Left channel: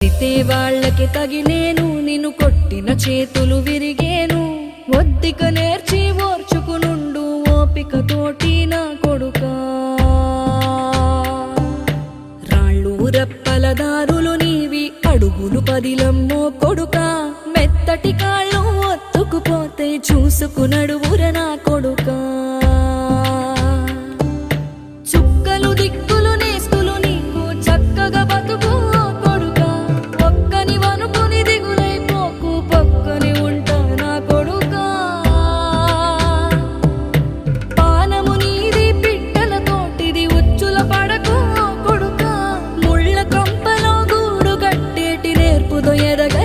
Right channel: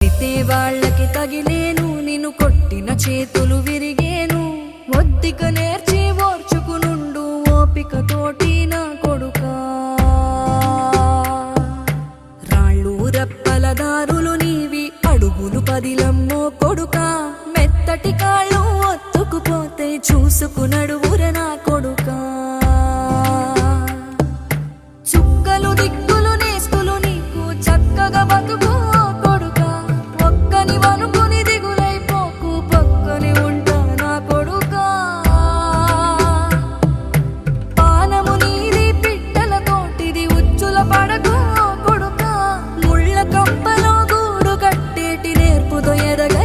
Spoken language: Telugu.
తితే వాళ్ళకి తగిలేను, నిన్ను కొట్టిన చేతులు విరిగేను. ఒద్దిక నేర్చి ఓర్చుకునుండు ఓపిక తోటి నా కొడుకా. రాళ్ళు రెప్పల దారులు నీవి, అడుగులు పదిలమ్మో కొడుకా. మెత్తటి కాళ్ళు ఒత్తుకుపోతే చూసుకునడువుర నా కొడుకా. చుక్కలు దిక్కులు నేస్తులు నీకు చక్కగా బతుకు కొడుకా. ఒక్కని వనుకుని దిగులైపోకు, పక్కని ఉంటా నా కొడుకా. పానము నీది పిట్టల తోటిది, ఉచ్చుల పడకు కొడుకా. ముళ్ళ కంపలో గూడు కట్టేటి నేర్పుతో ఎదగ